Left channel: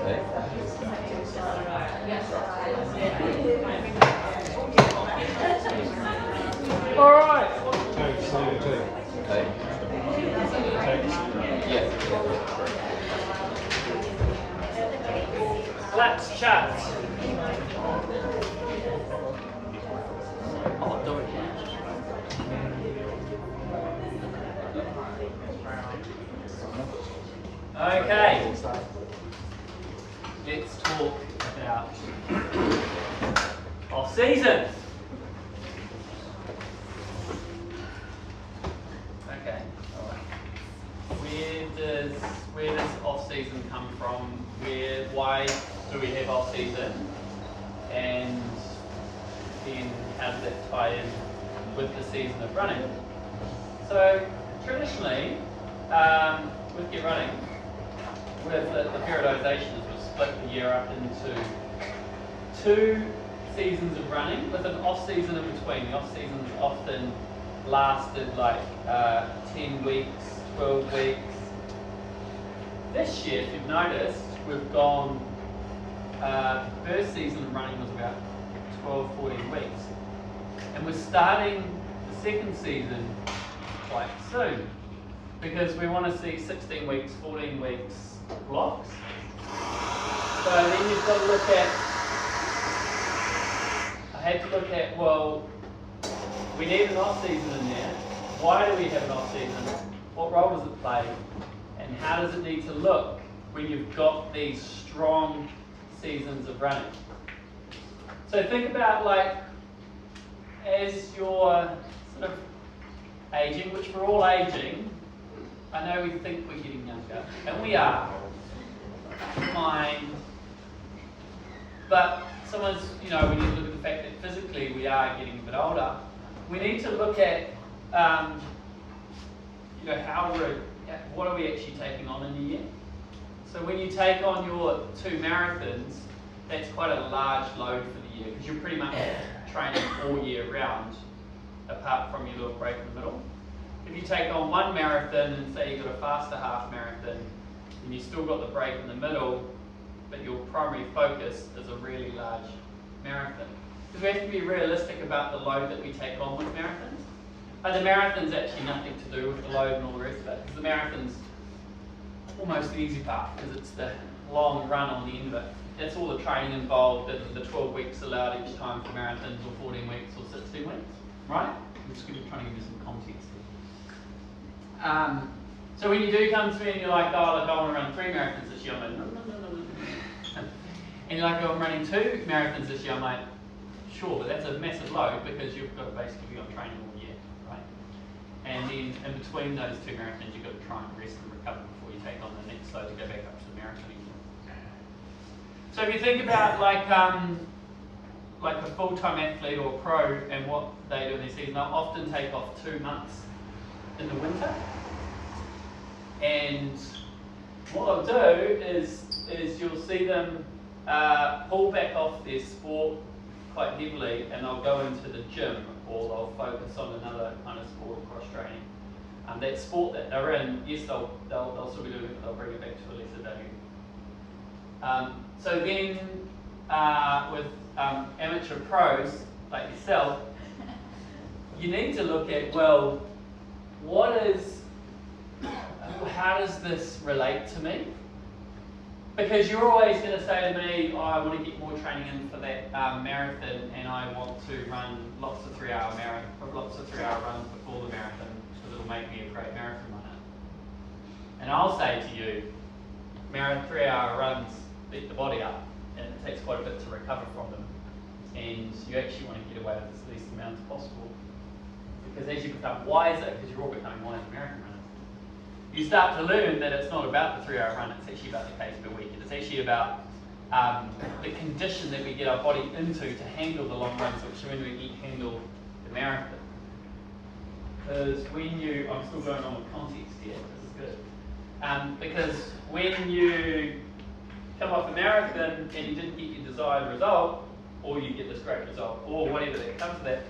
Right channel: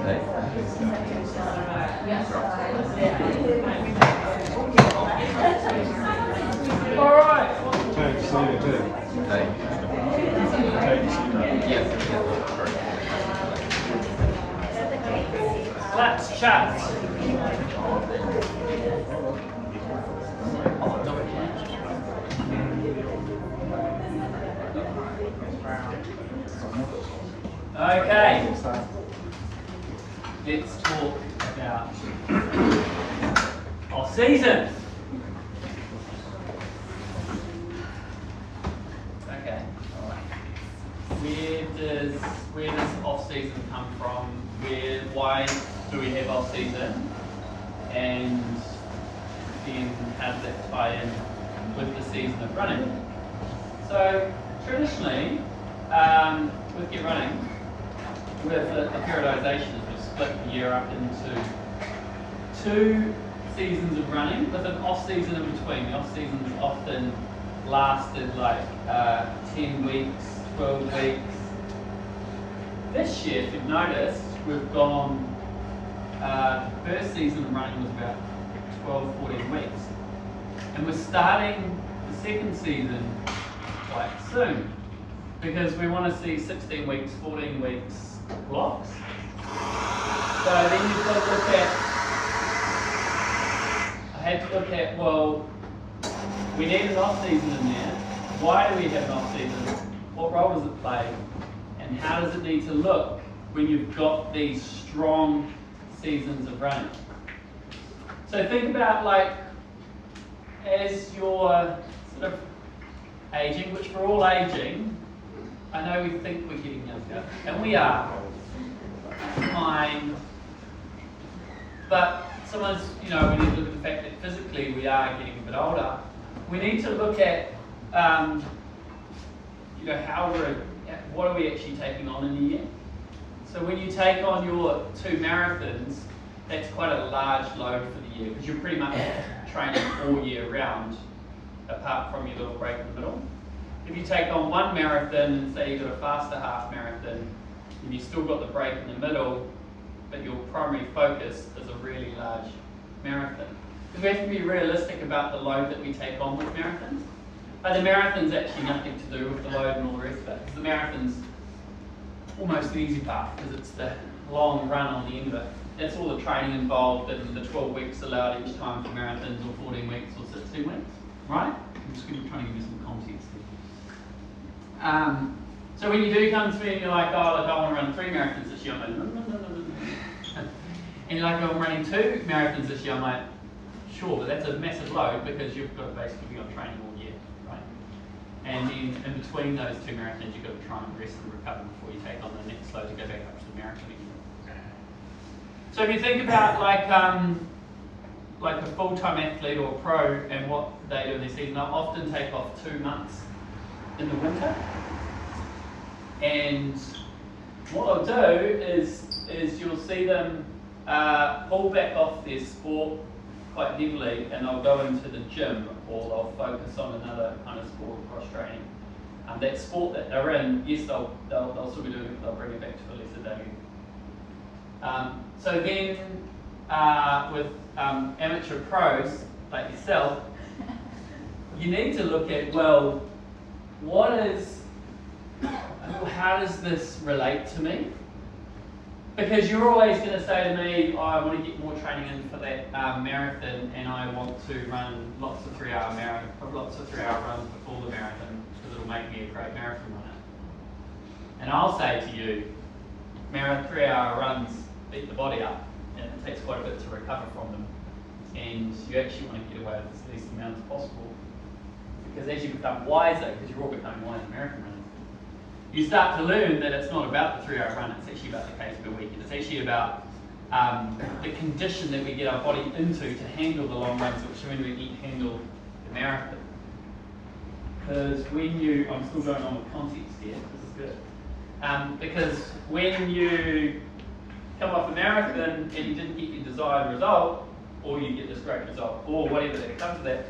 All right. Let's chat. Okay. Let's talk about off season. Okay. All right. Where does off season come from? Why do we have off season? And then how does that tie in with the season of running? So traditionally, with your running, with the periodisation, we've split the year up into 2 seasons of running with an off season in between. The off seasons often lasted like 10 weeks, 12 weeks. This year, if you've noticed, we've gone, the first season of running was about 12, 14 weeks. And we're starting the second season quite soon because we want to see 16 weeks, 14 weeks blocks. So then you've got to look at, I had to look at, well, we need an off season in there. Why do we have an off season? What role does it play? And how does it need to look when you've got these strong seasons of running? So think about, like, as you're sort of aging, which we're all aging. I know we think we're getting younger, and we are. Fine. But sometimes, we need to look at the fact that physically we are getting a bit older. We need to look at, what are we actually taking on in a year? So when you take on your 2 marathons, that's quite a large load for the year because you're pretty much training all year round, apart from your little break in the middle. If you take on 1 marathon and say you've got a faster half marathon, and you've still got the break in the middle, but your primary focus is a really large marathon. Because we have to be realistic about the load that we take on with marathons. But the marathon's actually nothing to do with the load and all the rest of it. Because the marathon's almost the easy part, because it's the long run on the end of it. That's all the training involved and the 12 weeks allowed each time for marathons, or 14 weeks, or 16 weeks, right? I'm just going to try to give you some context here. So when you do come to me and you're like, oh, look, I want to run 3 marathons this year, I'm like, no. And you're like, oh, I'm running 2 marathons this year, I'm like, sure, but that's a massive load because you've got to basically be on training all year, right? And then in between those 2 marathons, you've got to try and rest and recover before you take on the next load to go back up to the marathon again. So if you think about like a full-time athlete or a pro and what they do in their season, they'll often take off 2 months in the winter. And what they'll do is you'll see them pull back off their sport quite heavily, and they'll go into the gym, or they'll focus on another kind of sport or cross training. That sport that they're in, yes, they'll still be doing it, but they'll bring it back to a lesser value. So then, with amateur pros like yourself, you need to look at, well, how does this relate to me? Because you're always going to say to me, oh, I want to get more training in for that marathon, and I want to run lots of 3-hour runs before the marathon because it'll make me a great marathon runner. And I'll say to you, 3-hour runs beat the body up, and it takes quite a bit to recover from them. And you actually want to get away with as least amount as possible, because as you become wiser, because you're all becoming wiser marathon runners, you start to learn that it's not about the 3-hour run, it's actually about the pace per week. It's actually about the condition that we get our body into to handle the long runs, which when we handle the marathon. Because I'm still going on with context here, this is good. Because when you come off a marathon and you didn't get your desired result, or you get this great result, or whatever that comes to that,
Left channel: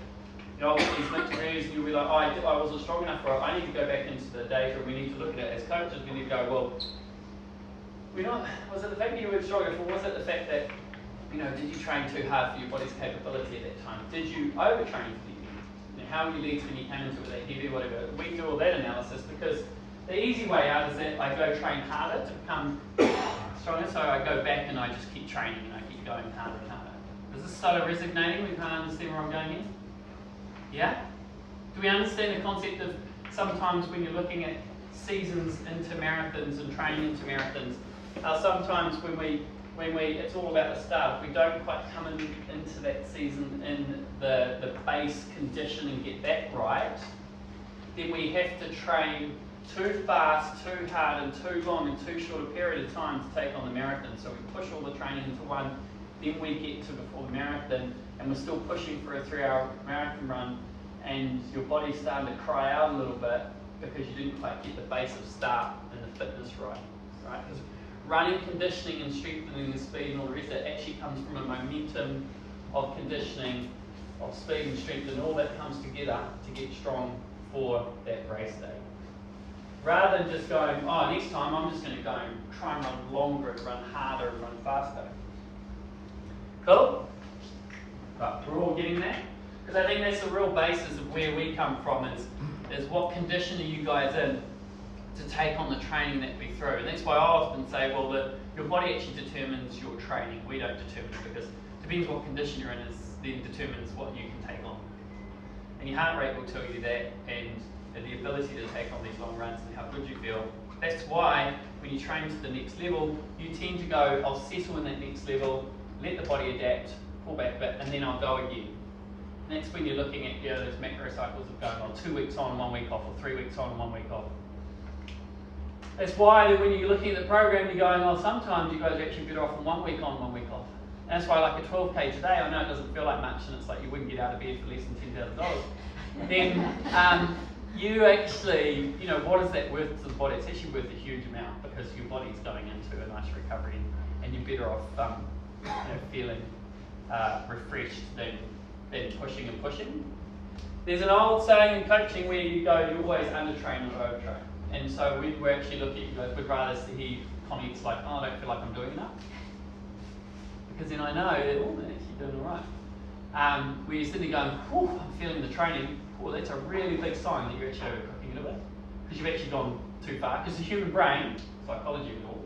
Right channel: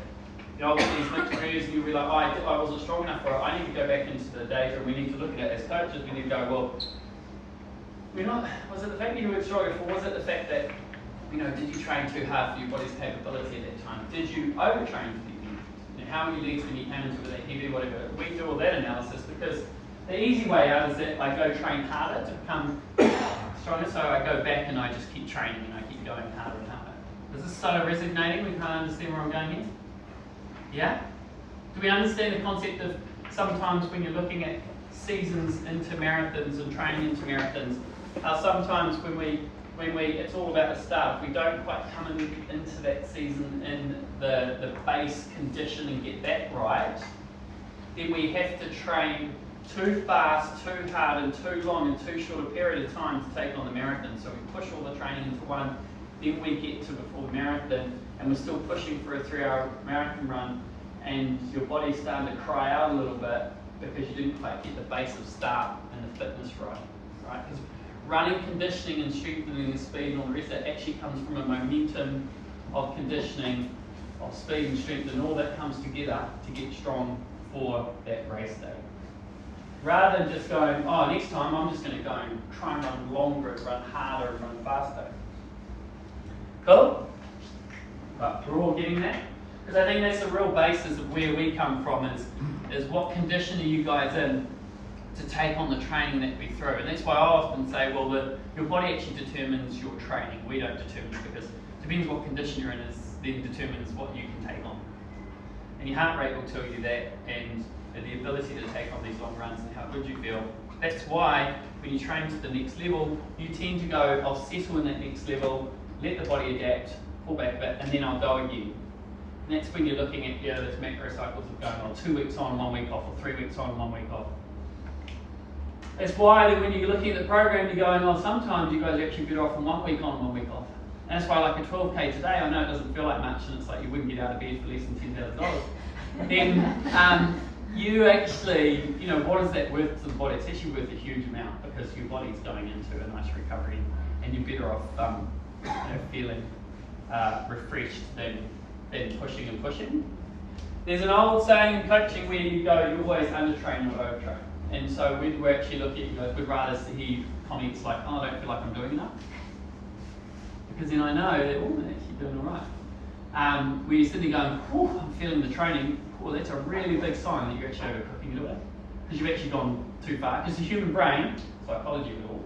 I'll get these mixed reviews and you'll be like, oh, I wasn't strong enough for it. I need to go back into the data. We need to look at it as coaches. We need to go, well, was it the fact that you weren't strong enough, or was it the fact that, did you train too hard for your body's capability at that time? Did you overtrain for the event? And how many legs when you came into it with that heavy, whatever? We do all that analysis because the easy way out is that I go train harder to become stronger, so I go back and I just keep training and I keep going harder and harder. Does this start resonating? We can't understand where I'm going here? Yeah? Do we understand the concept of sometimes when you're looking at seasons into marathons and training into marathons, sometimes when we it's all about the start. If we don't quite come into that season in the base condition and get that right, then we have to train too fast, too hard, and too long in too short a period of time to take on the marathon. So we push all the training into one, then we get to before the marathon, and we're still pushing for a 3-hour marathon run, and your body's starting to cry out a little bit because you didn't quite get the base of start and the fitness right? Because running, conditioning, and strengthening the speed and all the rest of that actually comes from a momentum of conditioning, of speed and strength, and all that comes together to get strong for that race day. Rather than just going, oh, next time I'm just going to go and try and run longer and run harder and run faster. Cool? Right, we're all getting that? Because I think that's the real basis of where we come from is what condition are you guys in to take on the training that we throw. And that's why I often say, well, your body actually determines your training. We don't determine it because it depends what condition you're in then determines what you can take on. And your heart rate will tell you that, and the ability to take on these long runs and how good you feel. That's why when you train to the next level, you tend to go, I'll settle in that next level, let the body adapt, pull back a bit, and then I'll go again. And that's when you're looking at those macro cycles of going on 2 weeks on, 1 week off, or 3 weeks on, 1 week off. That's why that when you're looking at the program, you're going, oh, sometimes you guys are actually better off on 1 week on, 1 week off. And that's why like a 12K today, I know it doesn't feel like much, and it's like you wouldn't get out of bed for less than $10,000. Then you actually, what is that worth to the body? It's actually worth a huge amount because your body's going into a nice recovery, and you're better off feeling refreshed than pushing and pushing. There's an old saying in coaching where you go, you always undertrain or overtrain. And so we'd actually look at you guys, we'd rather see comments like, oh, I don't feel like I'm doing enough. Because then I know that, oh, they're actually doing all right. Where you're sitting there going, whew, I'm feeling the training, well, that's a really big sign that you're actually overcooking it away. Because you've actually gone too far. Because the human brain, psychology of it all,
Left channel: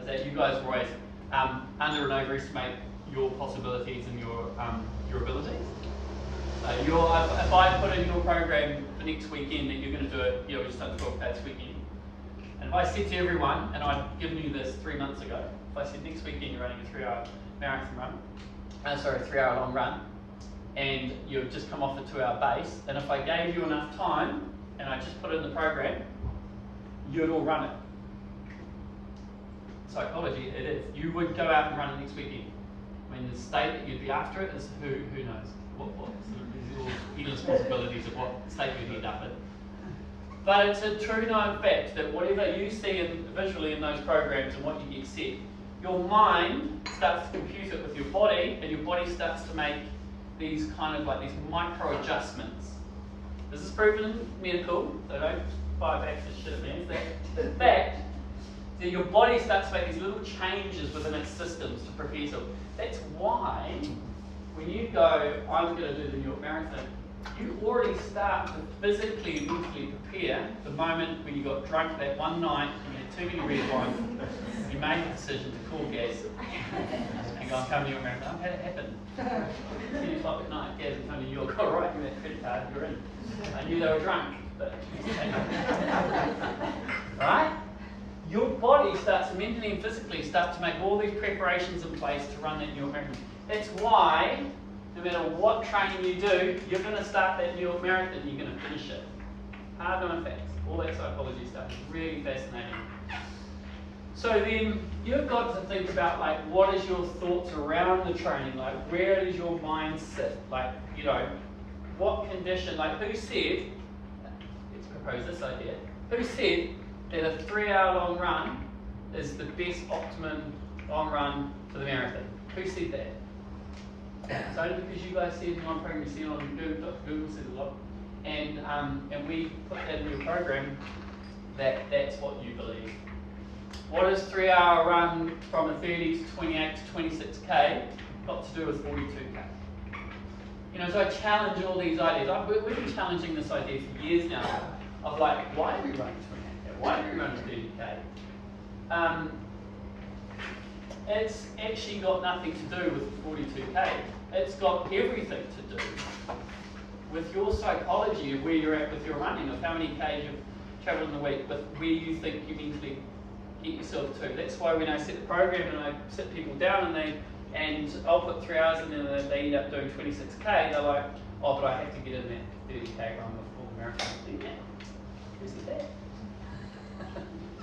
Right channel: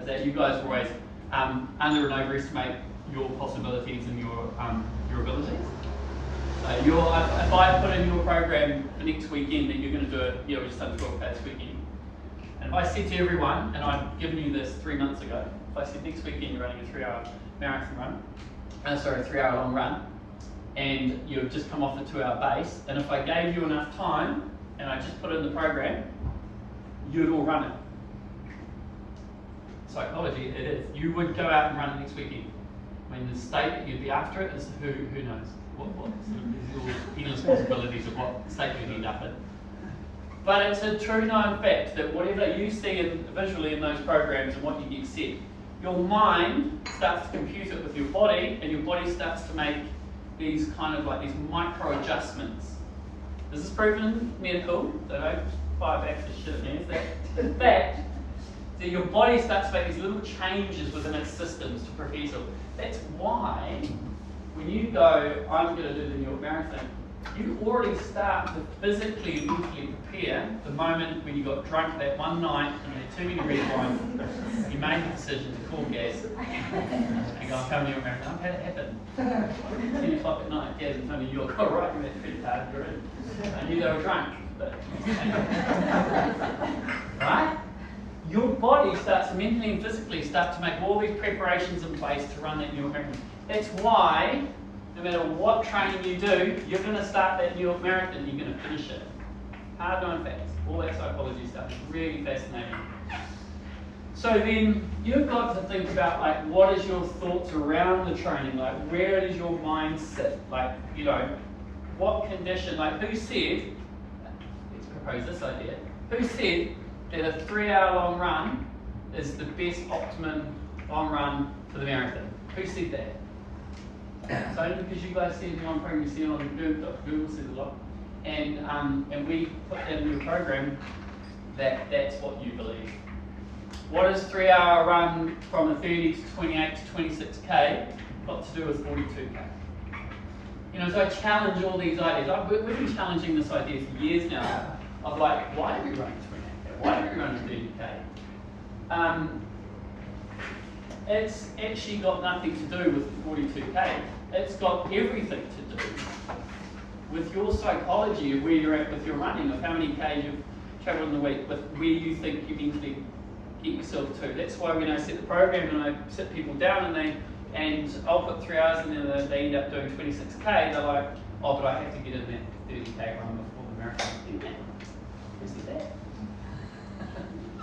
is that you guys always under and overestimate your possibilities and your abilities. So if I put in your program for next weekend that you're going to do it, we've just done 12K this weekend. And if I said to everyone, and I'd given you this 3 months ago, if I said next weekend you're running a 3-hour marathon run, a 3-hour long run, and you've just come off a 2-hour base, and if I gave you enough time, and I just put it in the program, you'd all run it. Psychology, it is. You would go out and run it next weekend. I mean, the state that you'd be after it is who knows. What sort of endless possibilities of what state you'd end up in. But it's a true known fact that whatever you see visually in those programs and what you get set, your mind starts to compute it with your body, and your body starts to make these these micro adjustments. Is this proven medical? So don't fire back for shit at me. Is that in fact that your body starts to make these little changes within its systems to prepare yourself. That's why when you go, I'm going to do the New York Marathon, you already start to physically and mentally prepare the moment when you got drunk that one night and you had too many red wines, you made the decision to call Gaz and go, I'm coming to New York Marathon. I've had it happen. 10 o'clock at night, Gaz and Tony, you're all right, you had a credit card, you're in. I knew they were drunk, but right? Your body starts to mentally and physically start to make all these preparations in place to run that New York Marathon. That's why no matter what training you do, you're going to start that New York Marathon, you're going to finish it. Hard known facts, all that psychology stuff is really fascinating. So then you've got to think about what is your thoughts around the training, where does your mind sit, what condition, who said, let's propose this idea, who said that a 3-hour long run is the best optimum long run for the marathon? Who said that? So because you guys see it in one program, you see it on Google, Google says a lot, and we put that in your program that's what you believe. What is 3 hour run from a 30 to 28 to 26k got to do with 42k? You know, so I challenge all these ideas. We've been challenging this idea for years now of like, why are we running 28k? Why are we running 30k? It's actually got nothing to do with 42k. It's got everything to do with your psychology of where you're at with your running, of how many k's you've travelled in the week, with where you think you mentally get yourself to. That's why when I set the program and I sit people down and I'll put 3 hours in there and they end up doing 26k, they're like, oh, but I have to get in that 30k run before the marathon. Yeah, who said that?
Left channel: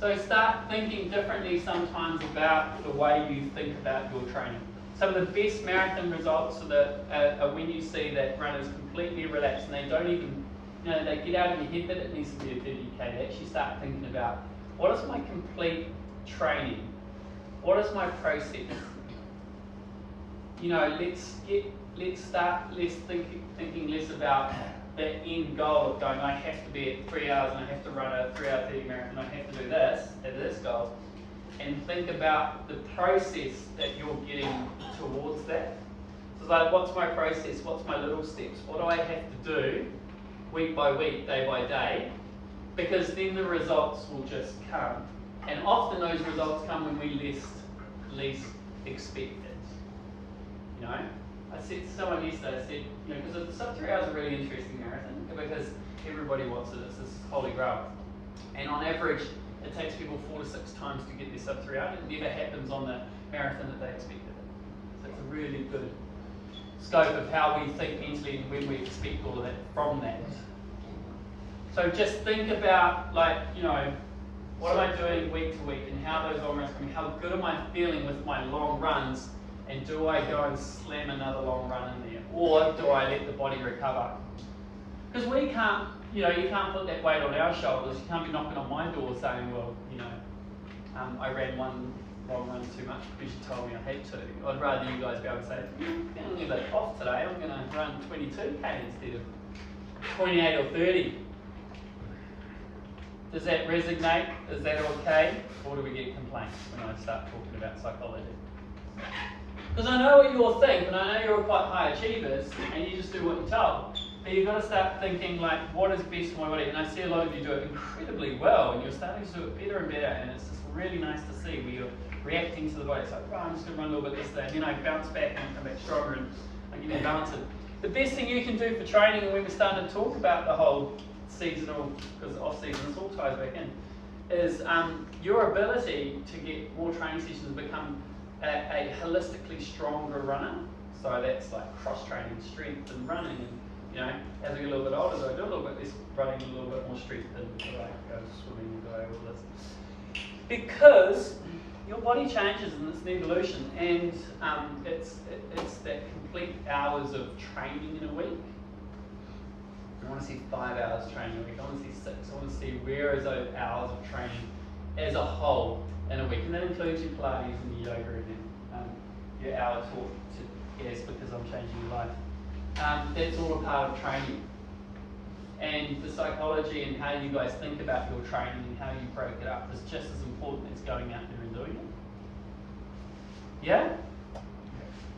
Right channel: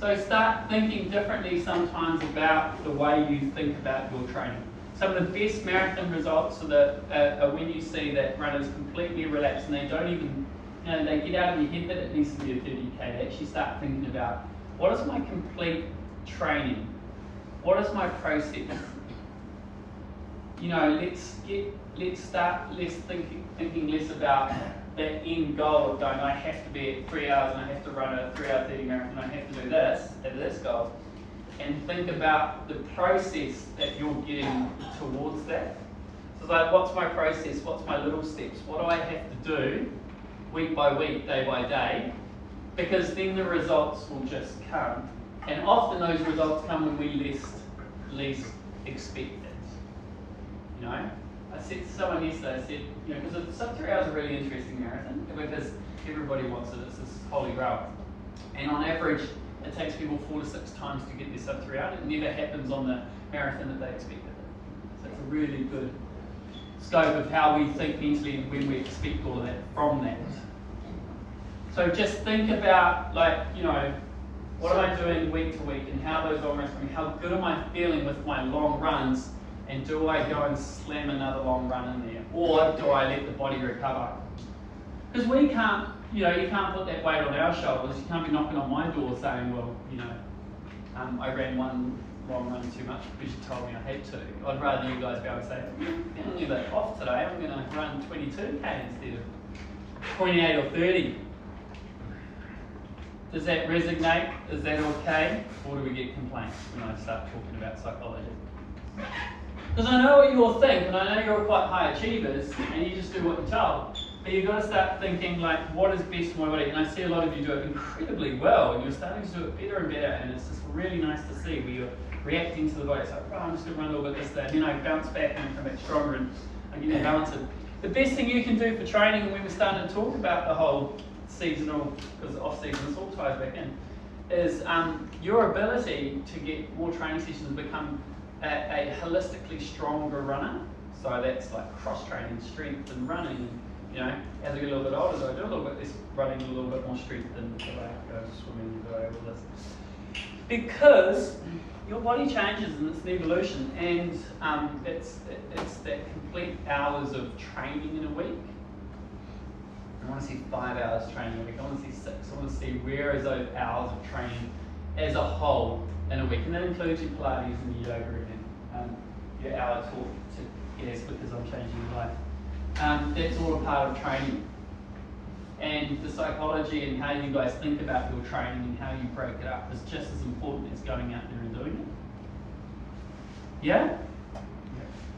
So start thinking differently sometimes about the way you think about your training. Some of the best marathon results are when you see that runners completely relax and they don't even, you know, they get out of their head that it needs to be a 30k. They actually start thinking about, what is my complete training? What is my process? You know, let's start thinking less about that end goal of going, I have to be at 3 hours and I have to run a 3 hour 30 marathon, I have to do this at this goal. And think about the process that you're getting towards that. So it's like, what's my process? What's my little steps? What do I have to do week by week, day by day? Because then the results will just come. And often those results come when we least expect it. You know? I said to someone yesterday, I said, you know, because the sub 3 hours is a really interesting marathon because everybody wants it, it's this holy grail. And on average, it takes people 4 to 6 times to get their sub 3 hour. It never happens on the marathon that they expected it. So it's a really good scope of how we think mentally and when we expect all of that from that. So just think about, like, you know, what am I doing week to week and how those long runs coming? How good am I feeling with my long runs? And do I go and slam another long run in there? Or do I let the body recover? Because we can't, you know, you can't put that weight on our shoulders. You can't be knocking on my door saying, well, you know, I ran one long run too much because you told me I had to. I'd rather you guys be able to say, I'm feeling a bit off today. I'm going to run 22k instead of 28 or 30. Does that resonate? Is that okay? Or do we get complaints when I start talking about psychology? Because I know what you all think, and I know you're all quite high achievers, and you just do what you're told. But you've got to start thinking, like, what is best for my body? And I see a lot of you do it incredibly well, and you're starting to do it better and better, and it's just really nice to see where you're reacting to the body. It's like, right, I'm just going to run a little bit this day, and then I bounce back and come back stronger, and I get balanced. The best thing you can do for training, when we're starting to talk about the whole seasonal, because off-season sort of ties back in, is your ability to get more training sessions and become a holistically stronger runner. So that's like cross-training, strength and running. You know, as I get a little bit older, do I do a little bit less running, a little bit more strength, and do I go swimming, do I all this? Because your body changes and it's an evolution, and it's that complete hours of training in a week. I want to see 5 hours training a week. I want to see 6. I want to see where is those hours of training as a whole in a week, and that includes your Pilates and your yoga and your hour talk to yes, because I'm changing your life. That's all a part of training. And the psychology and how you guys think about your training and how you break it up is just as important as going out there and doing it. Yeah?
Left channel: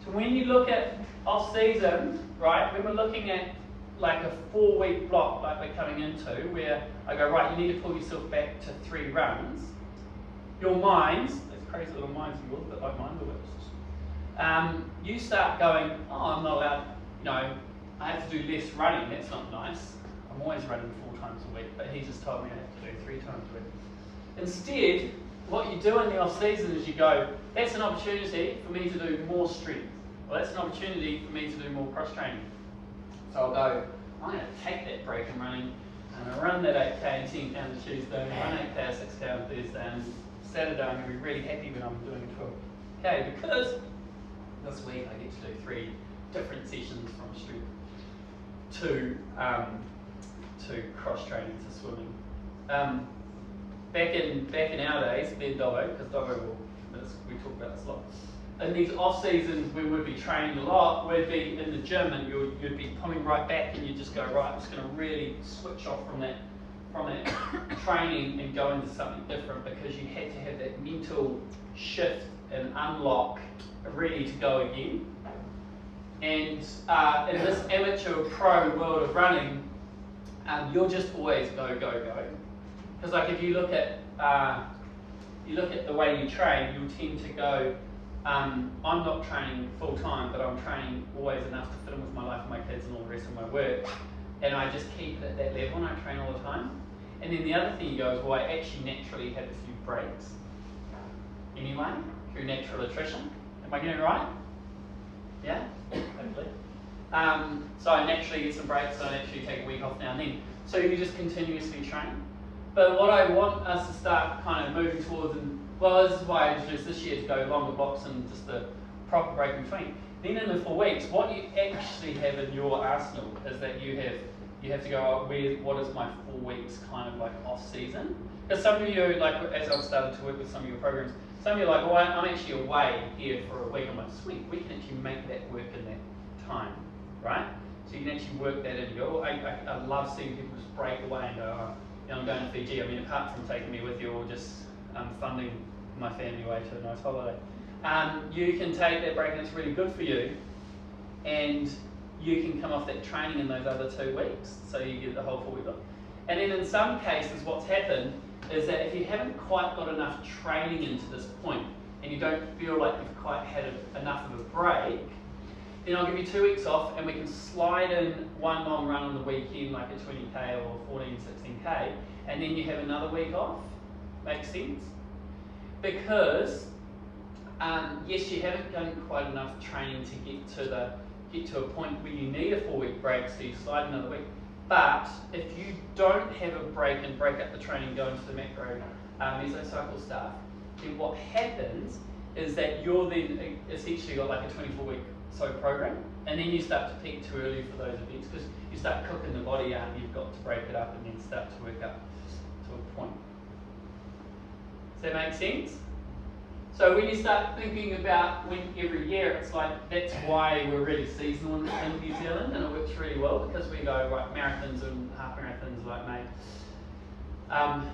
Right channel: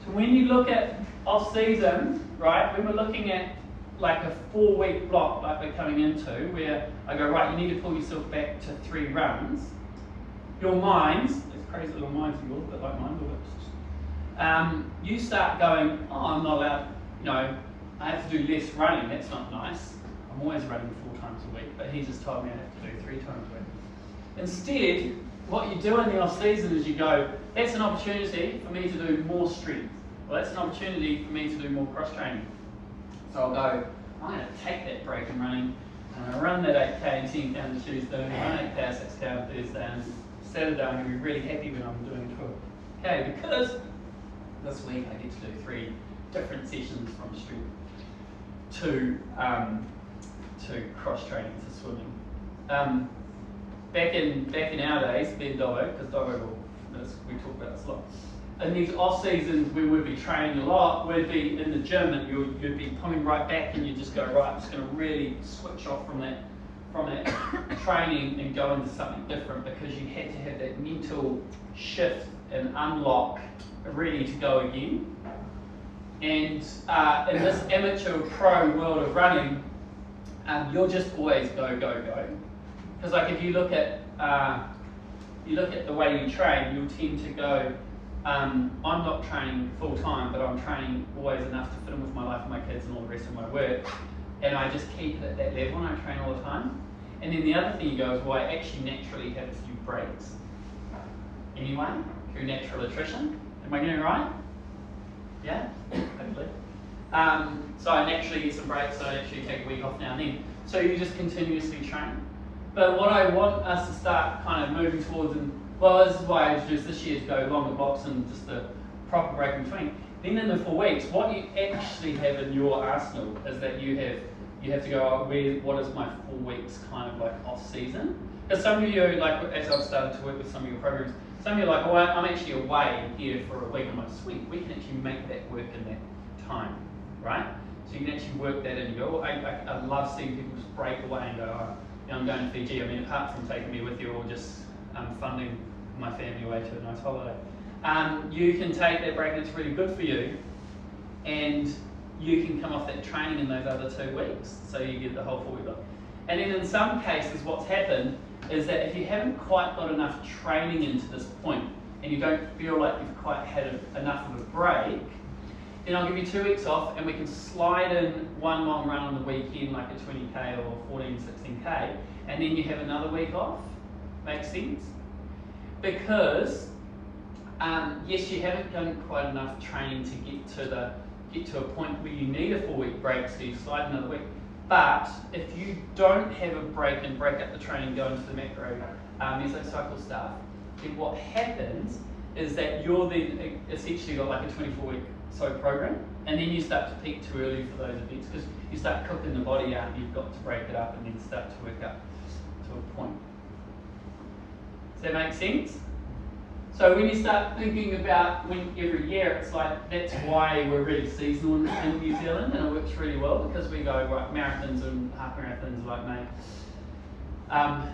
So when you look at off-season, right, when we're looking at like a 4-week block like we're coming into, where I go, right, you need to pull yourself back to 3 runs, your minds, those crazy little minds of yours, a bit like mine, you start going, oh, I'm not allowed, you know, I have to do less running, that's not nice. I'm always running 4 times a week, but he just told me I have to do 3 times a week. Instead, what you do in the off season is you go, that's an opportunity for me to do more strength. Well, that's an opportunity for me to do more cross training. So I'll go, I'm going to take that break in running, and I run that 8k and 10k on Tuesday, and run 8k, 6k on Thursday, and Saturday I'm going to be really happy when I'm doing 12k, because this week I get to do 3 different sessions from strength to cross training to swimming. Back in our days, then Dobbo, because Dobbo we talk about this a lot. In these off seasons, we would be training a lot. We'd be in the gym, and you'd be coming right back, and you just go, right, I'm just going to really switch off from that from that training and go into something different because you had to have that mental shift and unlock ready to go again. And in this amateur pro world of running, you'll just always go, go, go. Because like if you look at the way you train, you'll tend to go, I'm not training full time, but I'm training always enough to fit in with my life and my kids and all the rest of my work. And I just keep it at that level and I train all the time. And then the other thing you go is, well, I actually naturally have a few breaks. Anyway, through natural attrition. Am I getting it right? Yeah? Hopefully. So I naturally get some breaks, so I actually take a week off now and then. So you just continuously train. But what I want us to start kind of moving towards, and well, this is why I introduced this year to go longer blocks and just a proper break in between. Then in the 4 weeks, what you actually have in your arsenal is that you have to go, what is my 4 weeks kind of like off season? Because some of you, like as I've started to work with some of your programs, some of you are like, oh, I'm actually away here for a week. I'm like, sweet, we can actually make that work in that time, right? So you can actually work that in and go, oh, I love seeing people just break away and go, oh, yeah, I'm going to Fiji. I mean, apart from taking me with you or just funding my family away to a nice holiday. You can take that break and it's really good for you, and you can come off that training in those other 2 weeks, so you get the whole 4 week off. And then in some cases what's happened is that if you haven't quite got enough training into this point and you don't feel like you've quite had enough of a break, then I'll give you 2 weeks off and we can slide in one long run on the weekend, like a 20k or 14, 16k, and then you have another week off. Makes sense? Because yes, you haven't done quite enough training to get to a point where you need a 4 week break, so you slide another week. But if you don't have a break and break up the training, go into the macro mesocycle stuff, then what happens is that you're then essentially got like a 24-week program, and then you start to peak too early for those events because you start cooking the body out and you've got to break it up and then start to work up to a point. Does that make sense? So when you start thinking about when every year, it's like, that's why we're really seasonal in New Zealand, and it works really well because we go, right, marathons and half marathons like May.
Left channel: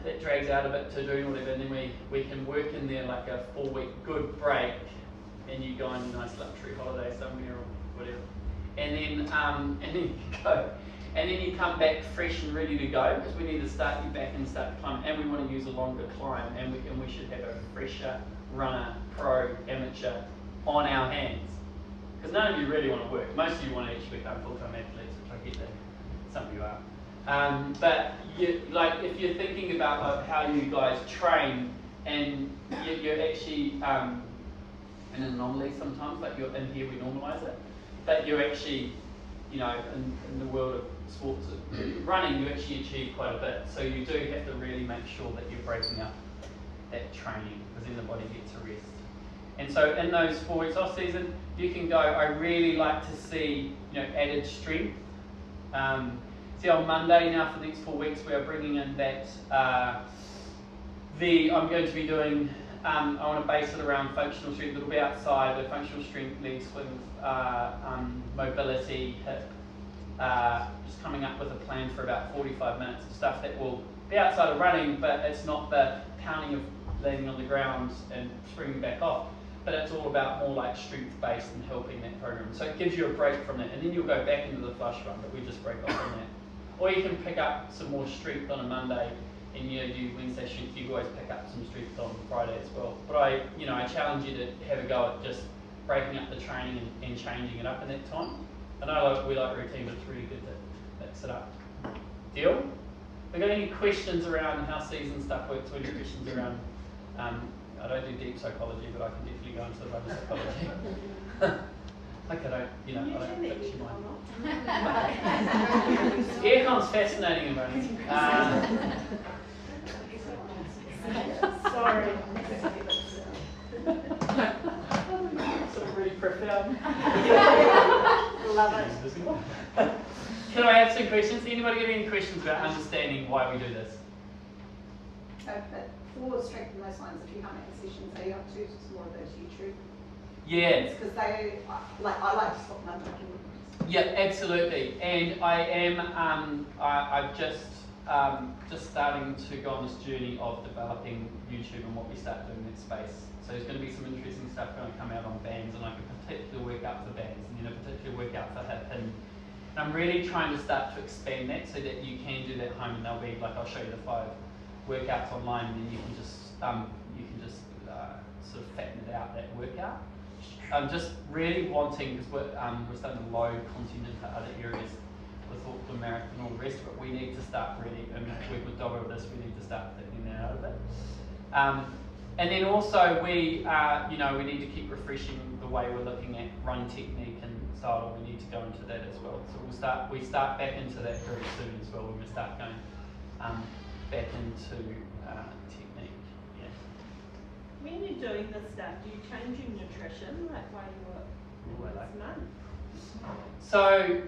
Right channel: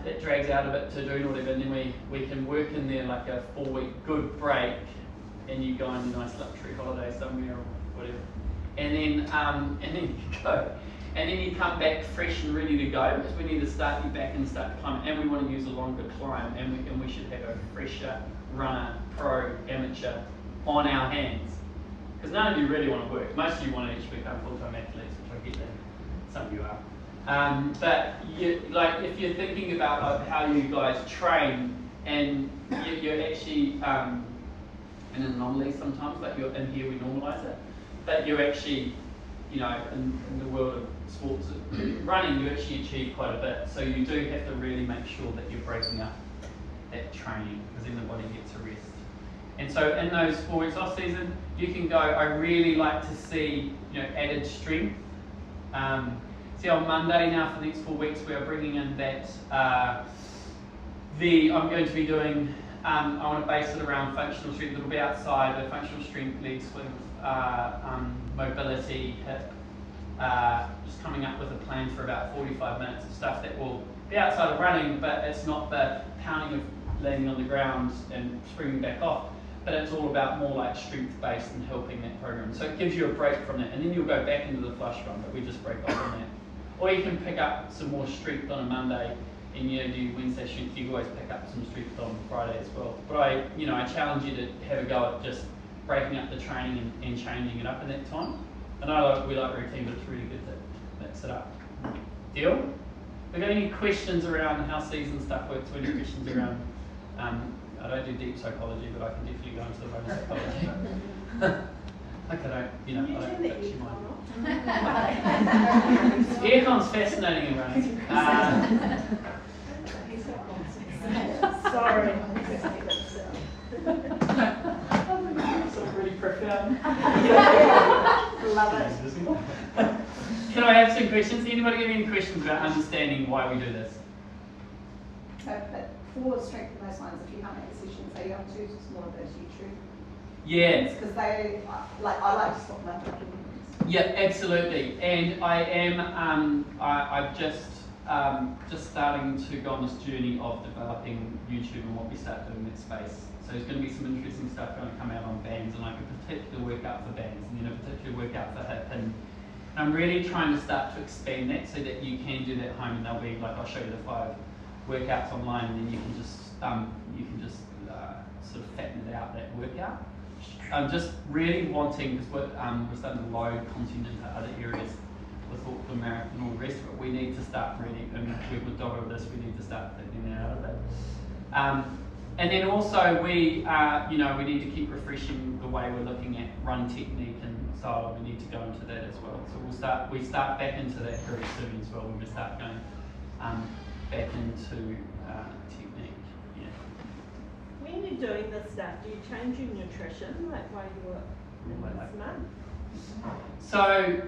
It drags out a bit to do whatever, and then we can work in there like a 4 week good break, and you go on a nice luxury holiday somewhere or whatever. And then you go. And then you come back fresh and ready to go, because we need to start you back and start to climb, and we want to use a longer climb, and we should have a fresher runner, pro, amateur on our hands. Because none of you really want to work. Most of you want to actually become full-time athletes, which I get that some of you are. But if you're thinking about like how you guys train, and you're actually an anomaly sometimes, like you're in here we normalise it, but you're actually, in the world of sports running, you actually achieve quite a bit. So you do have to really make sure that you're breaking up that training, because then the body gets a rest. And so in those 4 weeks off season, you can go, I really like to see added strength. See, on Monday now for the next 4 weeks, we are bringing in that, I'm going to be doing, I want to base it around functional strength. It'll be outside, the functional strength leads with mobility, hip, just coming up with a plan for about 45 minutes of stuff that will be outside of running, but it's not the pounding of landing on the ground and springing back off, but it's all about more like strength-based and helping that program. So it gives you a break from that, and then you'll go back into the flush run, but we just break off on that. Or you can pick up some more strength on a Monday, and do Wednesday strength. You can always pick up some strength on Friday as well. But I challenge you to have a go at just breaking up the training and changing it up in that time. And we like routine, but it's really good to mix it up. Deal? Have you got any questions around how season stuff works, or any questions around, I don't do deep psychology, but I can definitely go into the running psychology. Like I don't fix your mind. Aircon's fascinating in running. Sorry. Sort of really profound. Love it. Can I have some questions? Anybody have any questions about understanding why we do this? But for strength and those lines, if you can't make decisions, are you up to just more of those YouTube? Yeah. Because I like to swap my documents. Yeah, absolutely. And I am, I've just just starting to go on this journey of developing YouTube and what we start doing in that space. So there's going to be some interesting stuff going to come out on bands, and like a particular workout for bands, and then a particular workout for hip. And I'm really trying to start to expand that so that you can do that at home, and they'll be like, I'll show you the 5 workouts online, and then you can just sort of fatten it out, that workout. I'm just really wanting, because we're starting to load content into other areas with all the marathon and all the rest of it. We need to start really, and with Doggo with this, we need to start fitting that out of it. And then also we need to keep refreshing the way we're looking at run technique and style. We need to go into that as well. So we start back into that very soon as well. We're going to start going back into technique. Yeah. When you're doing this stuff, do you change your nutrition like while you're in this month? So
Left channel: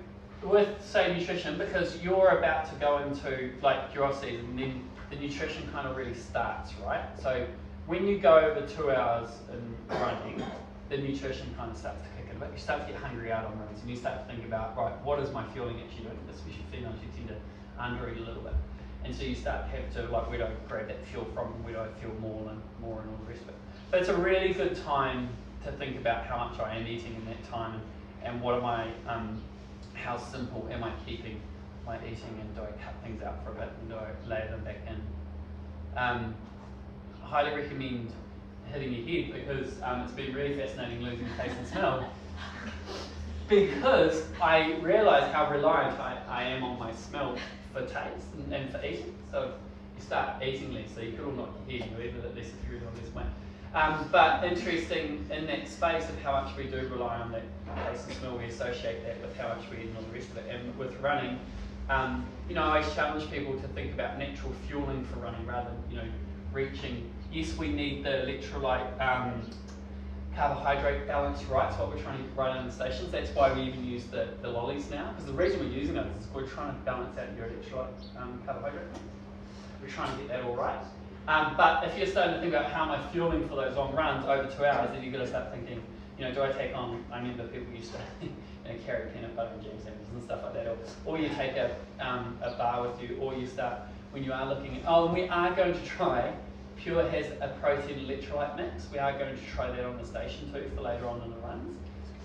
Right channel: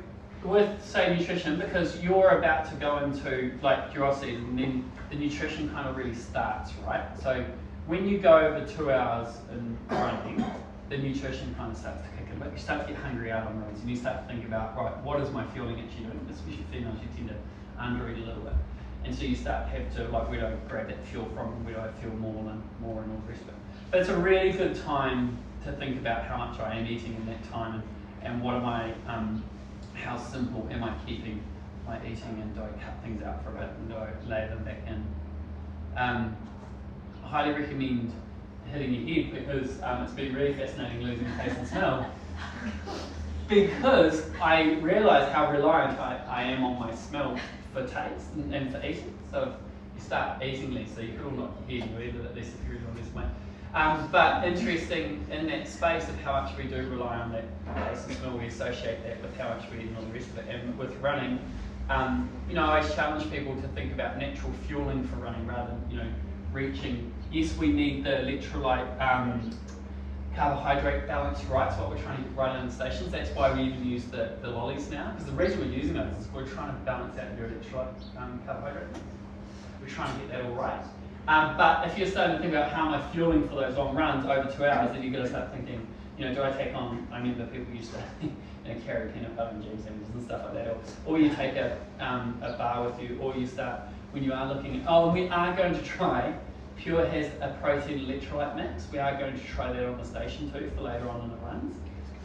with say nutrition, because you're about to go into like your off season, then the nutrition kind of really starts, right? So when you go over 2 hours in running, the nutrition kind of starts to kick in. But you start to get hungry out on runs, and you start to think about, right, what is my fueling actually doing? Especially females, you tend to undereat a little bit. And so you start to have to, like, where do I grab that fuel from, and where do I feel more and all the rest of it. But it's a really good time to think about how much I am eating in that time, and what am I, how simple am I keeping my eating, and do I cut things out for a bit, and do I lay them back in? I highly recommend hitting your head, because it's been really fascinating losing taste and smell, because I realise how reliant I am on my smell for taste and for eating. So you start eating less, so you could all knock your head, you're either less if you're eating less weight. But interesting in that space of how much we do rely on that taste and smell, we associate that with how much we eat and all the rest of it. And with running, I always challenge people to think about natural fueling for running rather than, reaching. Yes, we need the electrolyte carbohydrate balance, right? It's what we're trying to get right in the stations. That's why we even use the lollies now, because the reason we're using those is we're trying to balance out your electrolyte carbohydrate. We're trying to get that all right. But if you're starting to think about how am I fueling for those long runs over 2 hours, then you've got to start thinking, do I take on, I remember people used to carry peanut butter and jam sandwiches and stuff like that, or you take a bar with you, or you start, when you are looking at, and we are going to try, Pure has a protein electrolyte mix. We are going to try that on the station too for later on in the runs,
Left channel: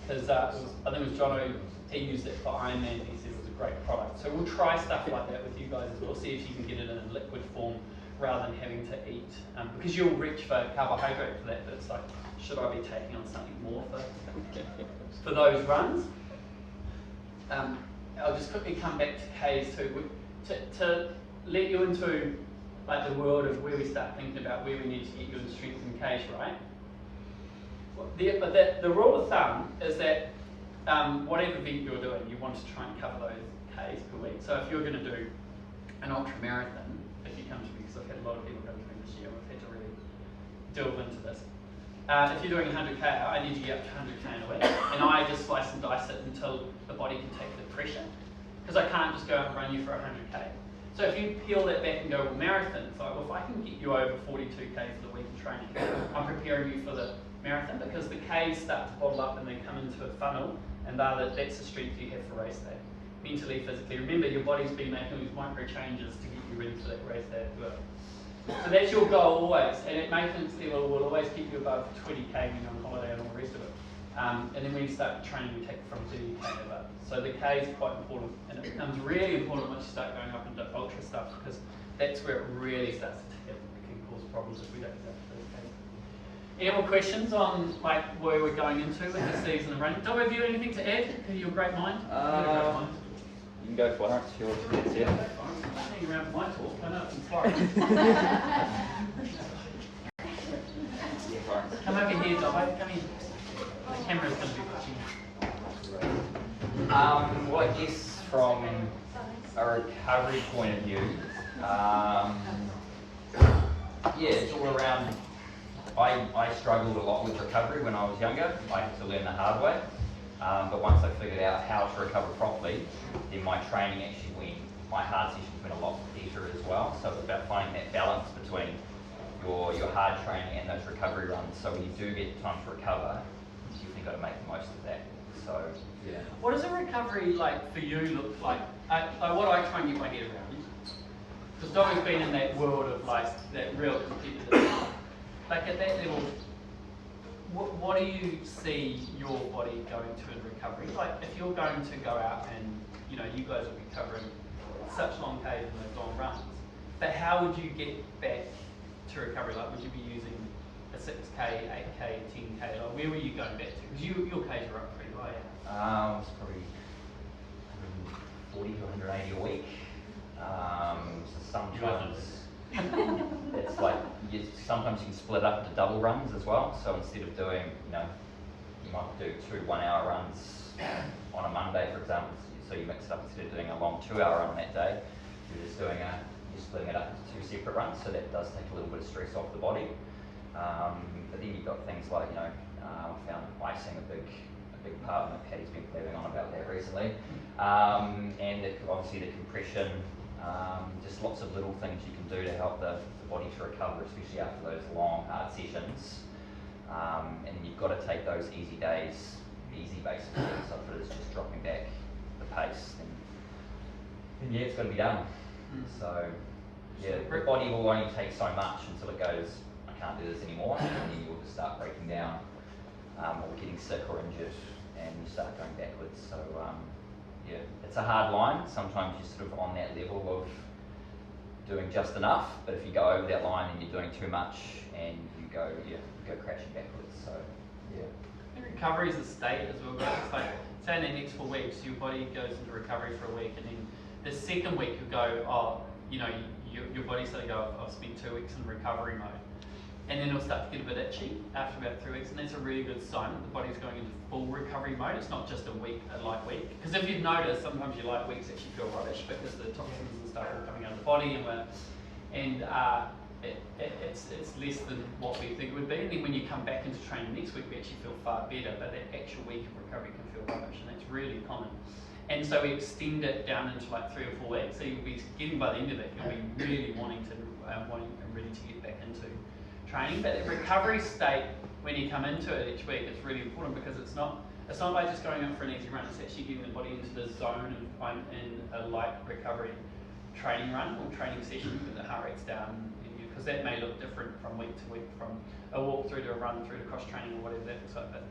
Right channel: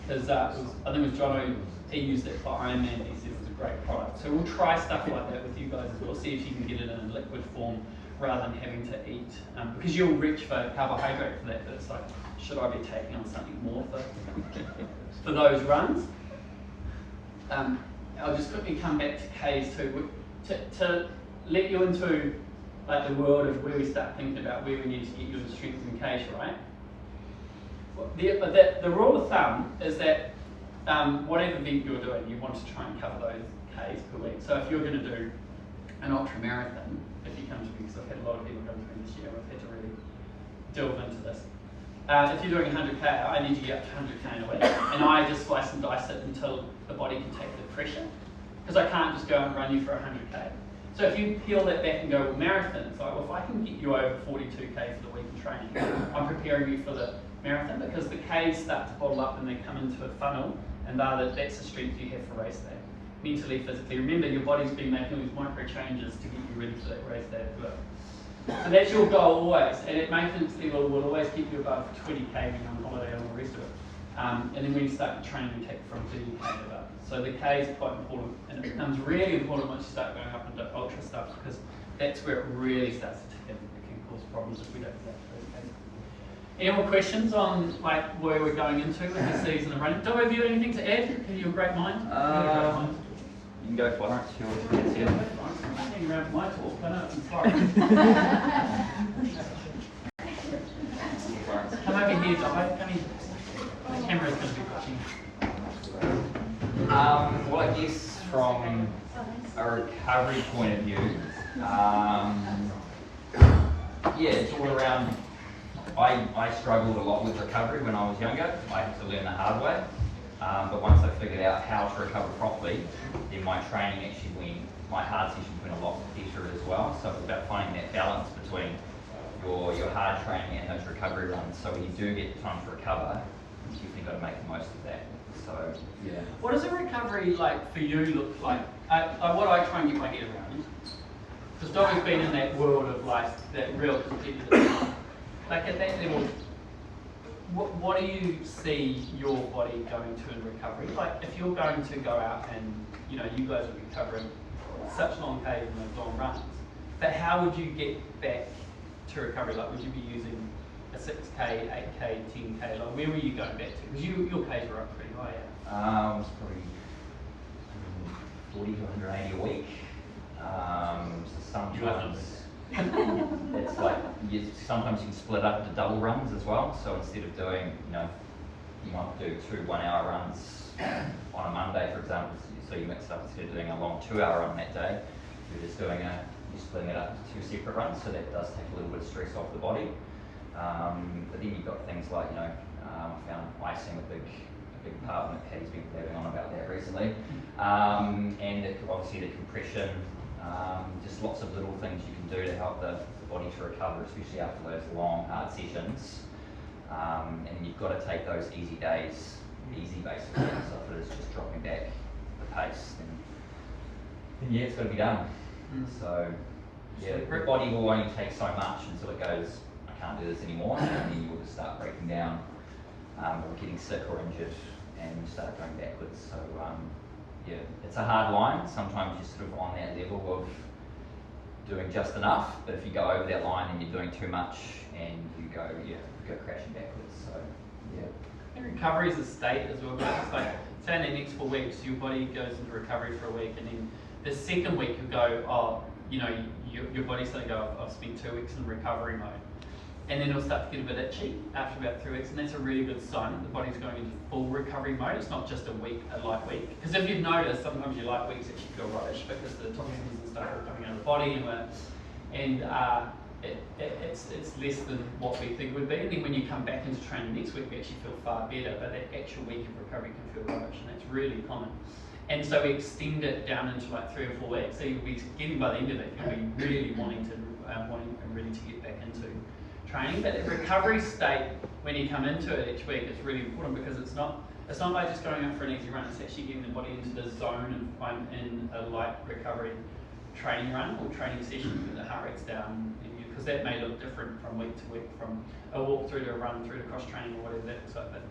because I think it was Jono, he used it for Ironman, he says it's a great product. So we'll try stuff like that with you guys as well, see if you can get it in a liquid form rather than having to eat, because you'll reach for carbohydrate for that, but it's like, should I be taking on something more for those runs? I'll just quickly come back to K's too, to let you into like the world of where we start thinking about where we need to get you into strength in K's, right? The rule of thumb is that whatever event you're doing, you want to try and cover those K's per week. So if you're going to do an ultra marathon, if you come to me, because I've had a lot of people come to me this year, I've had to really delve into this. If you're doing 100k, I need to get up to 100k in a week, and I just slice and dice it until the body can take the pressure, because I can't just go and run you for 100k. So if you peel that back and go, well, marathon, it's like, well, if I can get you over 42k for the week in training, I'm preparing you for the marathon, because the K's start to bottle up and they come into a funnel, and that's the strength you have for race day. Mentally, physically. Remember, your body's been making these micro changes to get you ready for that race day as well. So that's your goal always, and at maintenance level will always keep you above 20k when you're on holiday and all the rest of it. And then when you start training, we take it from 30k above. So the K is quite important, and it becomes really important once you start going up into ultra stuff, because that's where it really starts to tick in. It can cause problems if we don't get those Ks. Any more questions on like where we're going into with the season of running? Dom, have you anything to add? Have you a great mind? You got a great mind. You can go for it. Yeah, I'm hanging around for my talk. I know I'm sorry. Come over here, Dobbo. Come here. The camera's going to be watching. Well, I guess from a recovery point of view, yeah, it's all around. I struggled a lot with recovery when I was younger. I had to learn the hard way. But once I figured out how to recover properly, then my training actually went, my hard sessions went a lot better as well. So it's about finding that balance between your hard training and those recovery runs. So when you do get time to recover, you've got to make the most of that. So, yeah. What does a recovery like for you look like? What I try and get my head around Because Dobby's been in that world of like that real competitive. Like at that level, what do you see your body going to in recovery? Like if you're going to go out and, you know, you guys will be covering such long Ks and those long runs, but how would you get back to recovery? Like would you be using a 6K, 8K, 10K? Like where were you going back to? Because your Ks were up pretty high. It was probably 140 to 180 a week. So sometimes it's like sometimes you can split up into double runs as well. So instead of doing, you know, you might do 2 1-hour runs on a Monday, for example. So you mix it up instead of doing a long 2-hour run that day. You're just doing you're splitting it up into 2 separate runs. So that does take a little bit of stress off the body. But then you've got things like, you know, I found icing a big part, and Patty's been blabbing on about that recently. And obviously the compression, just lots of little things you can do to help the body to recover, especially after those long, hard sessions. And then you've got to take those easy days easy, basically. So if it is just dropping back the pace, then yeah, it's got to be done. So yeah, the body will only take so much until it goes, I can't do this anymore, and then you will just start breaking down, or getting sick or injured, and you start going backwards. So yeah, it's a hard line. Sometimes you're sort of on that level of doing just enough, but if you go over that line, then you're doing too much, and you go crashing backwards. So yeah. And recovery is a state as well, guys. It's like, say in the next 4 weeks, your body goes into recovery for a week, and then the second week you go, oh, you know, your body's starting to go, I've spent 2 weeks in recovery mode. And then it'll start to get a bit itchy after about 3 weeks, and that's a really good sign that the body's going into full recovery mode. It's not just a light week. Because if you've noticed, sometimes your light weeks actually feel rubbish because the toxins and stuff are coming out of the body, and it's less than what we think it would be. And then when you come back into training next week, we actually feel far better, but that actual week of recovery can feel rubbish, and that's really common. And so we extend it down into like 3 or 4 weeks. So you'll be getting by the end of it, you'll be really wanting and ready to get back into training. But the recovery state, when you come into it each week, is really important because it's not like just going up for an easy run. It's actually getting the body into the zone of in a light recovery training run or training session with the heart rate's down, because that may look different from week to week, from a walk through to a run through to cross training or whatever that looks like. But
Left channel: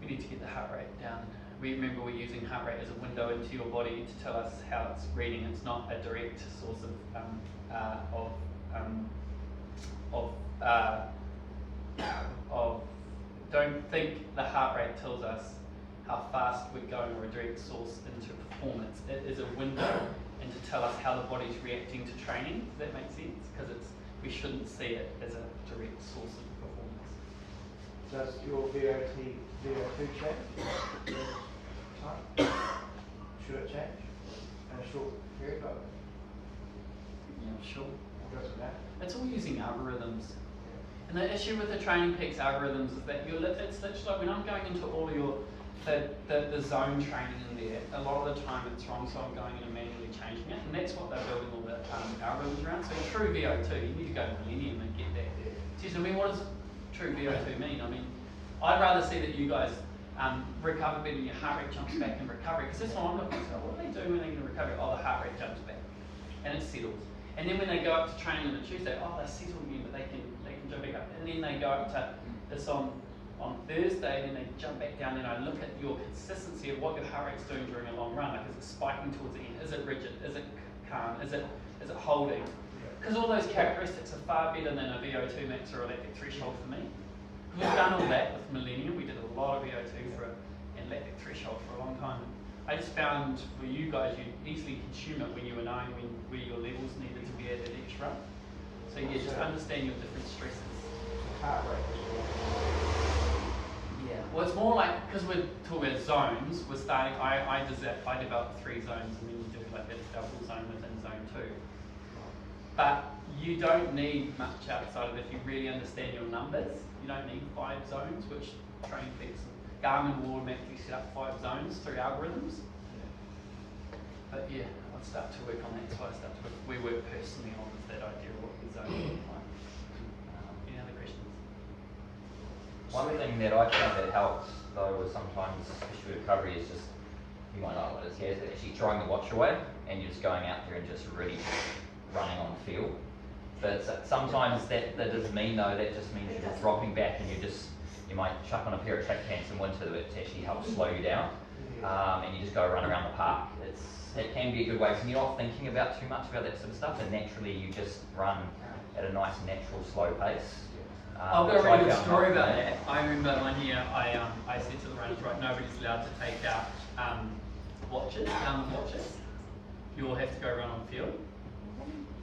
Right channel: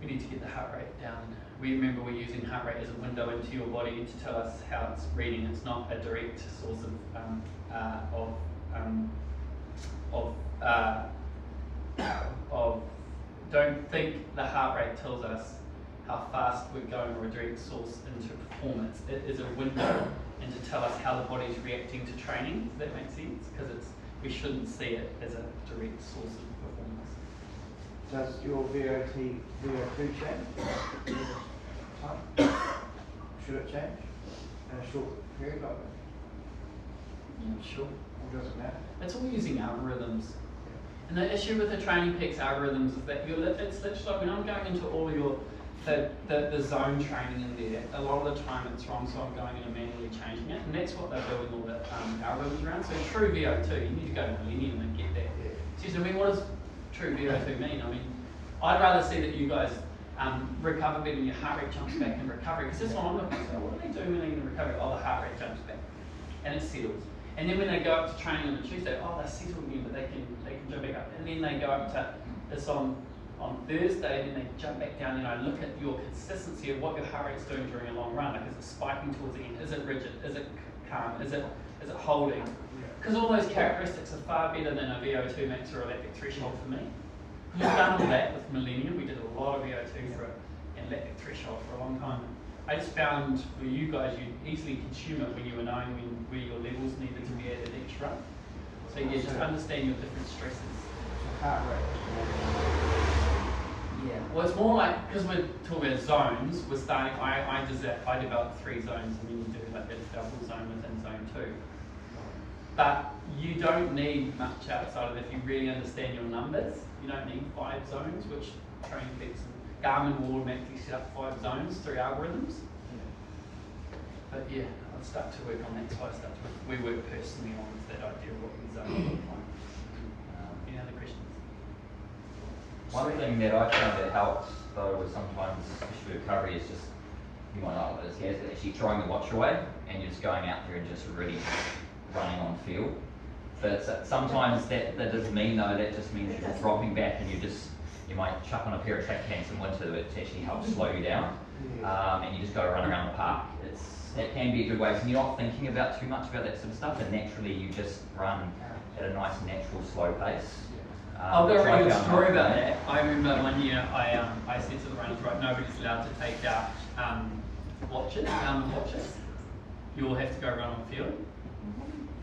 we need to get the heart rate down. We're using heart rate as a window into your body to tell us how it's reading. It's not a direct source of don't think the heart rate tells us how fast we're going, or a direct source into performance. It is a window and to tell us how the body's reacting to training. Does that make sense? Because we shouldn't see it as a direct source of performance. Does your VO2 change? Should it change in a short period? Yeah, sure. It doesn't matter. It's all using algorithms. And the issue with the Training Peaks algorithms is that it's literally like when I'm going into all your the zone training in there, a lot of the time it's wrong, so I'm going in and manually changing it, and that's what they're building all the algorithms around. So true VO2, you need to go to Millennium and get that. Seriously, I mean, what does true VO2 mean? I mean, I'd rather see that you guys recover better and your heart rate jumps back in recovery, because that's what I'm looking for. What do they do when they get in recovery? Oh, the heart rate jumps back and it settles. And then when they go up to training on a Tuesday, oh, they're settled again, but they can jump back up. And then they go up to this on Thursday, and then they jump back down, and I look at your consistency of what your heart rate's doing during a long run. Like, is it spiking towards the end? Is it rigid? Is it calm? Is it holding? Because all those characteristics are far better than a VO2 max or a lactic threshold for me. We've done all that with Millennium. We did a lot of VO2 and lactic threshold for a long time. I just found with you guys, you'd easily consume it when you were knowing where your levels needed to be at each run. So yeah, just understand your different stresses. Heart rate. Yeah, well it's more like, because we're talking about zones, we're starting, I developed 3 zones, and then you do like a double zone within zone 2. But you don't need much outside of it if you really understand your numbers. You don't need 5 zones, which Training Peaks and Garmin will automatically set up 5 zones through algorithms. But yeah, I'll start to work on that. So we work personally on that idea of what the zone looks like. Any other questions? One thing that I found that helps though is sometimes, especially recovery, is just, you might not know what it is, actually throwing the watch away and you're just going out there and just really running on field. But sometimes that doesn't mean though, that just means you're just dropping back and you might chuck on a pair of track pants in winter that actually helps slow you down. And you just go run around the park. It can be a good way, because you're not thinking about too much about that sort of stuff, and naturally you just run at a nice natural slow pace. I've got a which I really good found story helpful. about that. I remember one year I said to the runners, right, nobody's allowed to take out watches, Garmin watches. You all have to go run on field.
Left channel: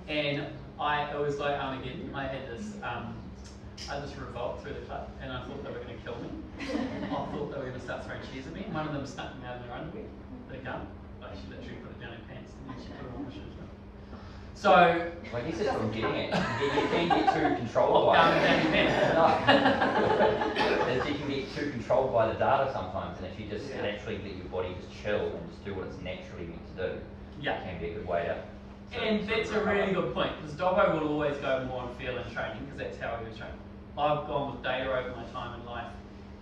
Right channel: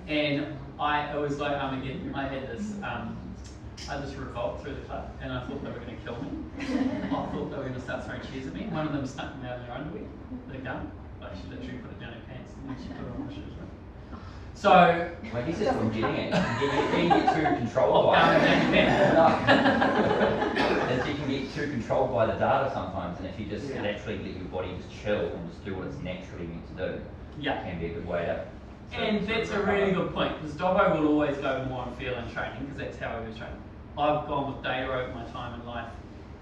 And it was like Armageddon. I had this revolt through the club, and I thought they were going to kill me. I thought they were going to start throwing cheese at me. One of them snuck me out of their underwear, the gun. Like she literally put it down her pants and then she put it on my shoes. So, Well, I guess that's what I'm getting at. You can get too controlled by down it. your pants. No. You can get too controlled by the data sometimes, and if you just naturally let your body just chill and just do what it's naturally meant to do, Yeah. it can be a good way to. And that's a really good point, because Dobbo will always go more on feel and training, because that's how he was trained. I've gone with data over my time in life,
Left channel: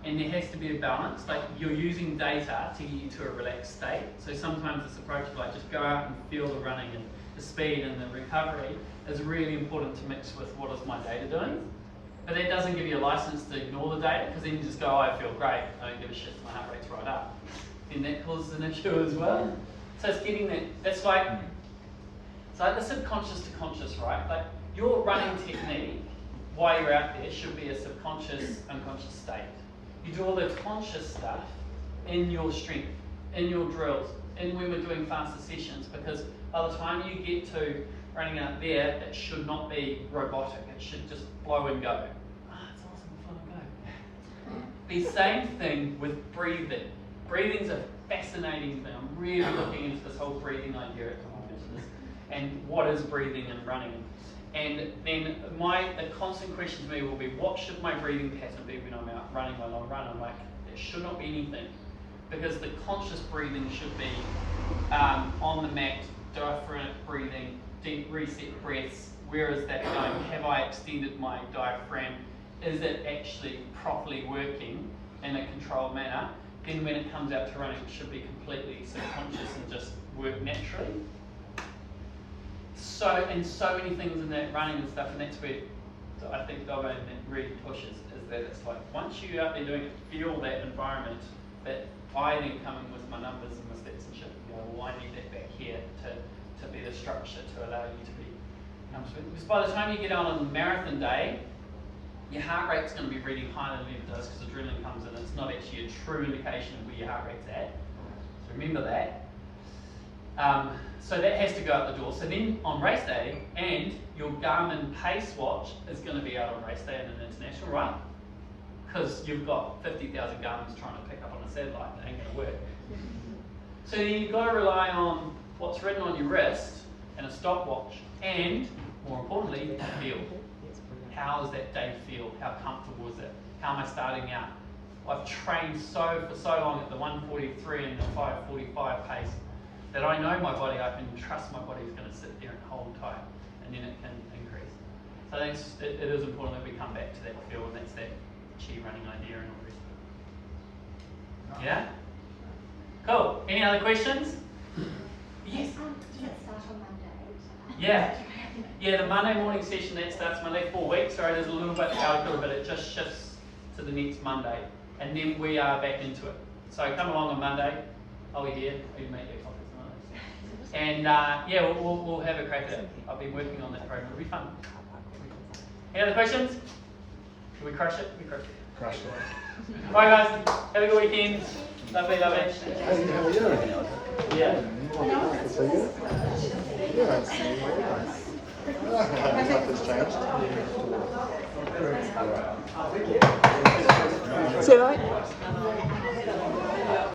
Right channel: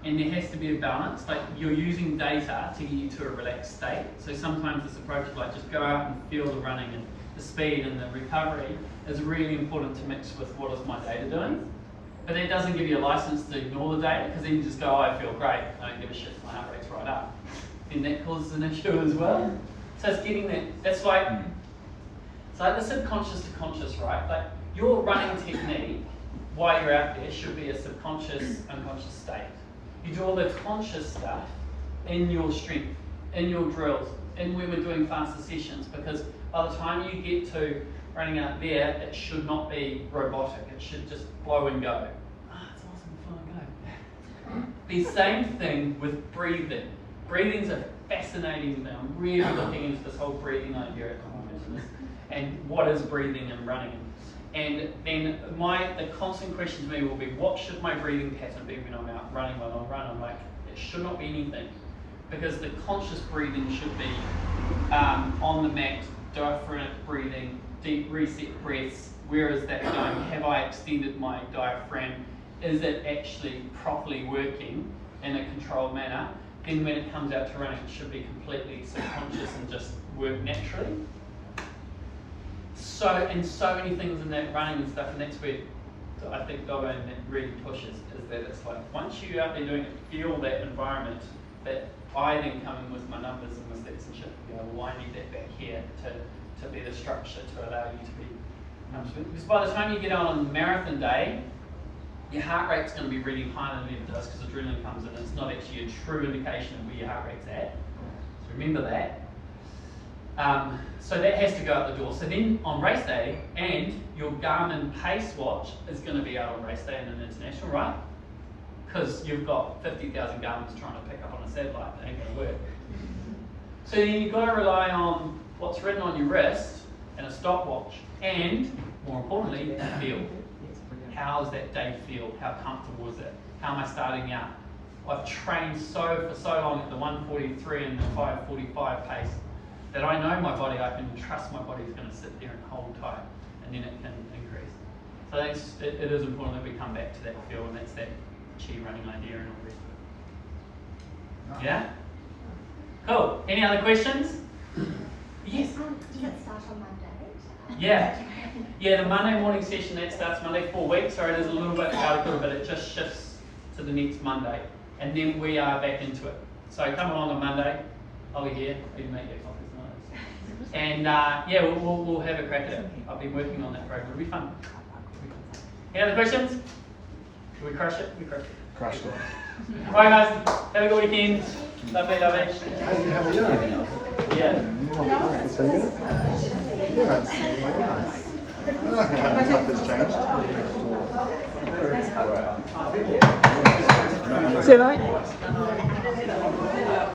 and there has to be a balance. Like, you're using data to get you to a relaxed state. So sometimes this approach of like just go out and feel the running and the speed and the recovery is really important to mix with what is my data doing. But that doesn't give you a license to ignore the data, because then you just go, oh, I feel great, I don't give a shit, my heart rate's right up. And that causes an issue as well. So it's getting that, it's like the subconscious to conscious, right? Like, your running technique while you're out there should be a subconscious, unconscious state. You do all the conscious stuff in your strength, in your drills, and when we're doing faster sessions, because by the time you get to running out there, it should not be robotic. It should just flow and go. It's awesome, flow and go. The same thing with breathing. Breathing's a fascinating thing. I'm really looking into this whole breathing idea at the moment, and what is breathing and running. And then the constant question to me will be, what should my breathing pattern be when I'm out running my long run? I'm like, it should not be anything, because the conscious breathing should be on the mat, diaphragmatic breathing, deep reset breaths. Where is that going? Have I extended my diaphragm? Is it actually properly working in a controlled manner? Then when it comes out to running, it should be completely subconscious and just work naturally. So many things in that running and stuff, and that's where I think Dobbo really pushes, is that it's like, once you're out there doing it, feel that environment, that I then come in with my numbers and my stats and shit and go, well, I need that back here to be the structure to allow you to be comfortable. Because by the time you get out on marathon day, your heart rate's going to be really higher than it ever does, because adrenaline comes in. It's not actually a true indication of where your heart rate's at. So remember that. So that has to go out the door. So then on race day, and your Garmin pace watch is going to be out on race day in an international, right? Because you've got 50,000 Garmins trying to pick up on a satellite. That ain't going to work. So then you've got to rely on what's written on your wrist and a stopwatch, and more importantly, feel. How does that day feel? How comfortable is it? How am I starting out? I've trained for so long at the 143 and the 545 pace that I know my body, I can trust my body is going to sit there and hold tight, and then it can increase. So it is important that we come back to that feel, and that's that chi running idea and all the rest of it. Yeah? Cool. Any other questions? Yes? Does it start on Monday? Yeah. Yeah, the Monday morning session, that starts Monday 4 weeks. Sorry, there's a little bit out of it, but it just shifts to the next Monday. And then we are back into it. So come along on Monday. I'll be here. We can make you coffees and yeah, we'll have a crack at it. I've been working on that program. It'll be fun. Any other questions? Did we crush it? We crushed it. Crushed it. Alright guys, have a good weekend. Lovely, lovely. Yeah. See you, mate.